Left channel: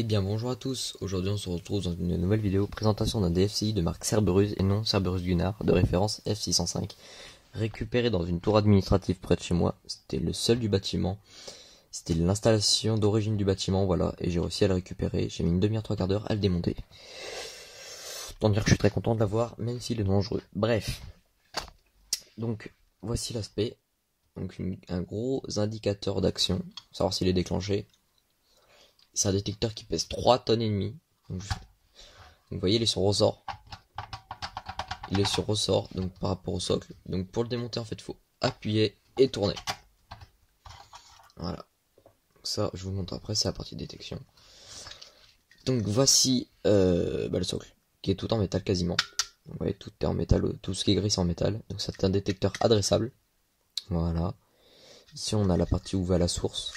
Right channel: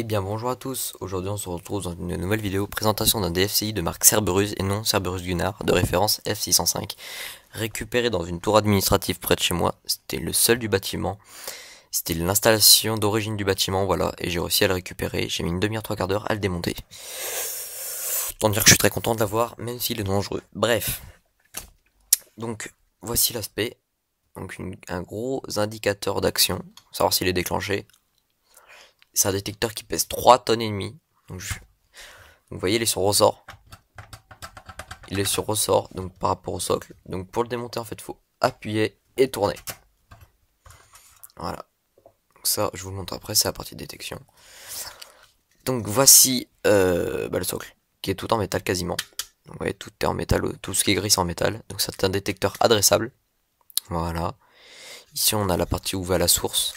Eh bien bonjour à tous, aujourd'hui on se retrouve dans une nouvelle vidéo présentation d'un DFCI de marque Cerberus et non Cerberus Gunnar de référence F605 récupéré dans une tour administrative près de chez moi. C'était le seul du bâtiment, c'était l'installation d'origine du bâtiment, voilà, et j'ai réussi à le récupérer. J'ai mis une demi-heure, 3/4 d'heure à le démonter. Autant dire que je suis très content de l'avoir, même s'il est dangereux. Bref, donc voici l'aspect, donc un gros indicateur d'action, savoir s'il est déclenché. C'est un détecteur qui pèse 3 tonnes et demie. Donc, vous voyez, il est sur ressort. Il est sur ressort, donc par rapport au socle. Donc pour le démonter, en fait, il faut appuyer et tourner. Voilà. Donc ça, je vous le montre après, c'est la partie de détection. Donc voici le socle, qui est tout en métal quasiment. Donc, vous voyez, tout est en métal, tout ce qui est gris c'est en métal. Donc c'est un détecteur adressable. Voilà. Ici, on a la partie où va la source.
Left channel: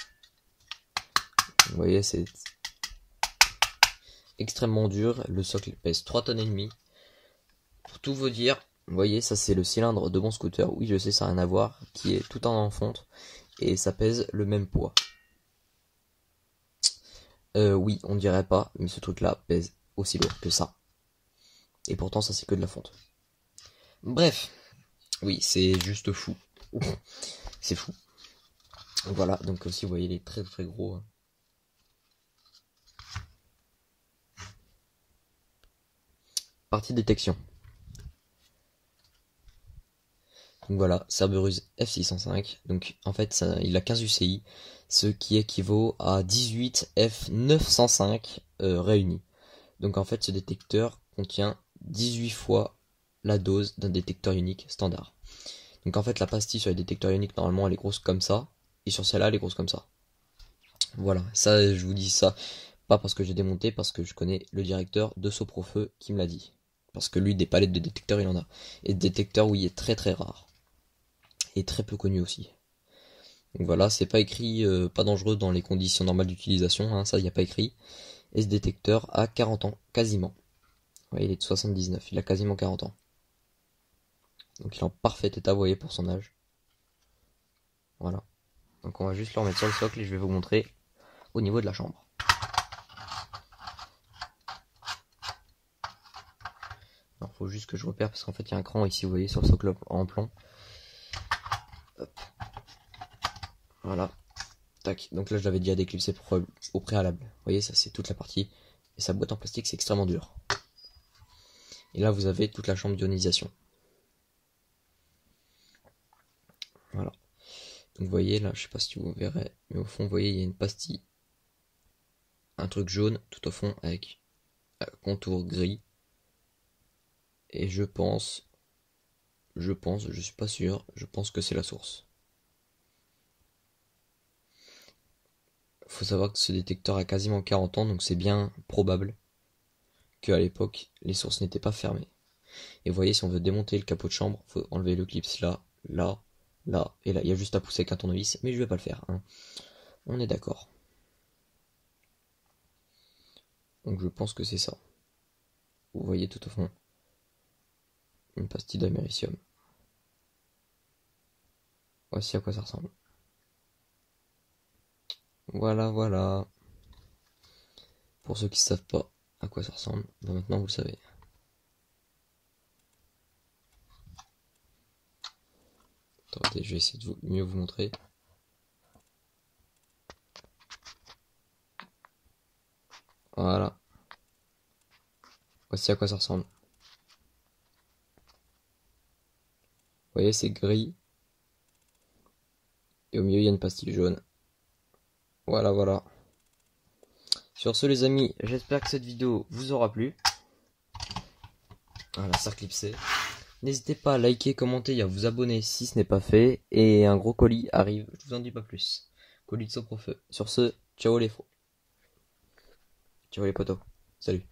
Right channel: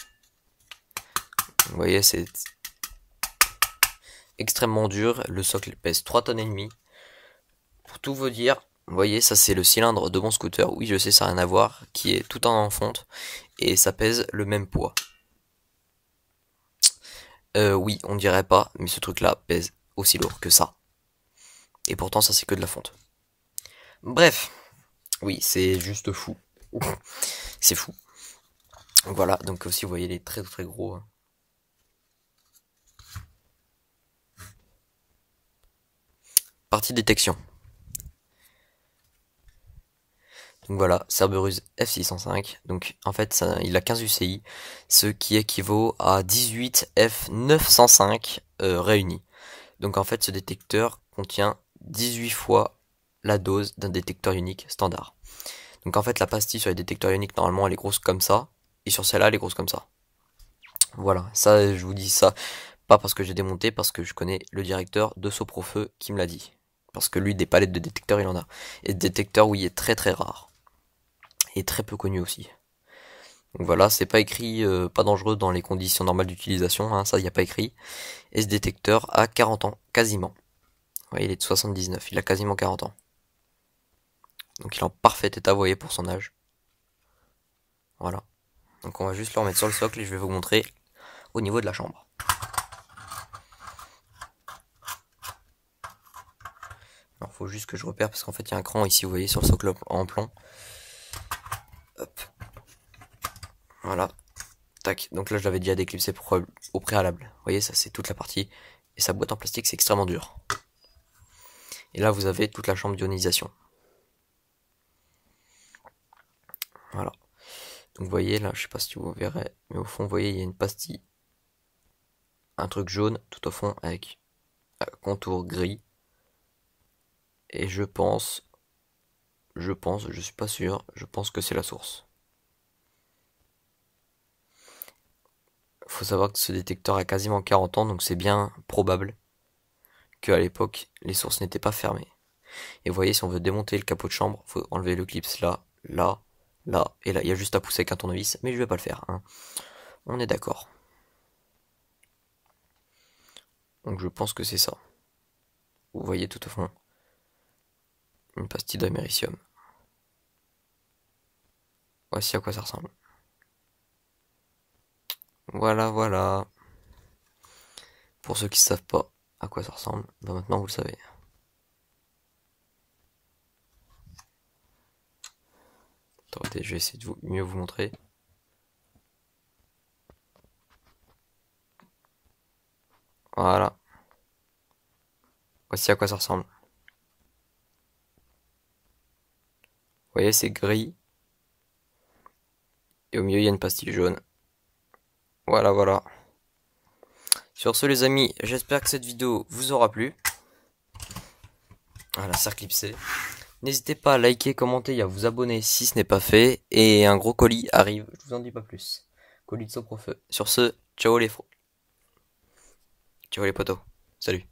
Vous voyez, c'est extrêmement dur. Le socle pèse 3 tonnes et demie. Pour tout vous dire, vous voyez, ça c'est le cylindre de mon scooter. Oui, je sais, ça n'a rien à voir, qui est tout en fonte et ça pèse le même poids. Oui, on dirait pas, mais ce truc-là pèse aussi lourd que ça. Et pourtant, ça c'est que de la fonte. Bref, oui, c'est juste fou. C'est fou. Voilà, donc aussi, vous voyez, il est très très gros. Partie détection. Donc voilà, Cerberus F605. Donc en fait, il a 15 UCI, ce qui équivaut à 18 F905 réunis. Donc en fait, ce détecteur contient 18 fois la dose d'un détecteur unique standard. Donc en fait, la pastille sur les détecteurs uniques, normalement, elle est grosse comme ça. Et sur celle-là, elle est grosse comme ça. Voilà, ça, je vous dis ça, pas parce que j'ai démonté, parce que je connais le directeur de Soprofeu qui me l'a dit. Parce que lui, des palettes de détecteurs, il en a. Et de détecteurs, oui, il est très très rare. Et très peu connu aussi. Donc voilà, c'est pas écrit pas dangereux dans les conditions normales d'utilisation, hein, ça il n'y a pas écrit. Et ce détecteur a 40 ans, quasiment. Ouais, il est de 79, il a quasiment 40 ans. Donc il est en parfait état, vous voyez, pour son âge. Voilà. Donc on va juste le remettre sur le socle et je vais vous montrer au niveau de la chambre. Alors faut juste que je repère parce qu'en fait il y a un cran ici, vous voyez, sur le socle en plomb. Hop. Voilà. Tac. Donc là je l'avais déjà déclipsé au préalable. Vous voyez, ça c'est toute la partie. Et sa boîte en plastique c'est extrêmement dur. Et là vous avez toute la chambre d'ionisation. Voilà. Donc vous voyez là, je sais pas si vous verrez, mais au fond vous voyez il y a une pastille, un truc jaune tout au fond avec un contour gris. Et je suis pas sûr, je pense que c'est la source. Faut savoir que ce détecteur a quasiment 40 ans, donc c'est bien probable qu'à l'époque les sources n'étaient pas fermées. Et vous voyez, si on veut démonter le capot de chambre, faut enlever le clips là, là, là, et là. Il y a juste à pousser avec un tournevis, mais je vais pas le faire, hein. On est d'accord. Donc je pense que c'est ça. Vous voyez tout au fond une pastille d'américium. Voici à quoi ça ressemble. Voilà, voilà. Pour ceux qui ne savent pas à quoi ça ressemble, ben maintenant vous le savez. Attendez, je vais essayer de mieux vous montrer. Voilà. Voici à quoi ça ressemble. Vous voyez, c'est gris. Et au milieu, il y a une pastille jaune. Voilà, voilà. Sur ce, les amis, j'espère que cette vidéo vous aura plu. Voilà, ça clipsé. N'hésitez pas à liker, commenter et à vous abonner si ce n'est pas fait. Et un gros colis arrive, je vous en dis pas plus. Colis de Soprofeu. Sur ce, ciao les potos. Salut.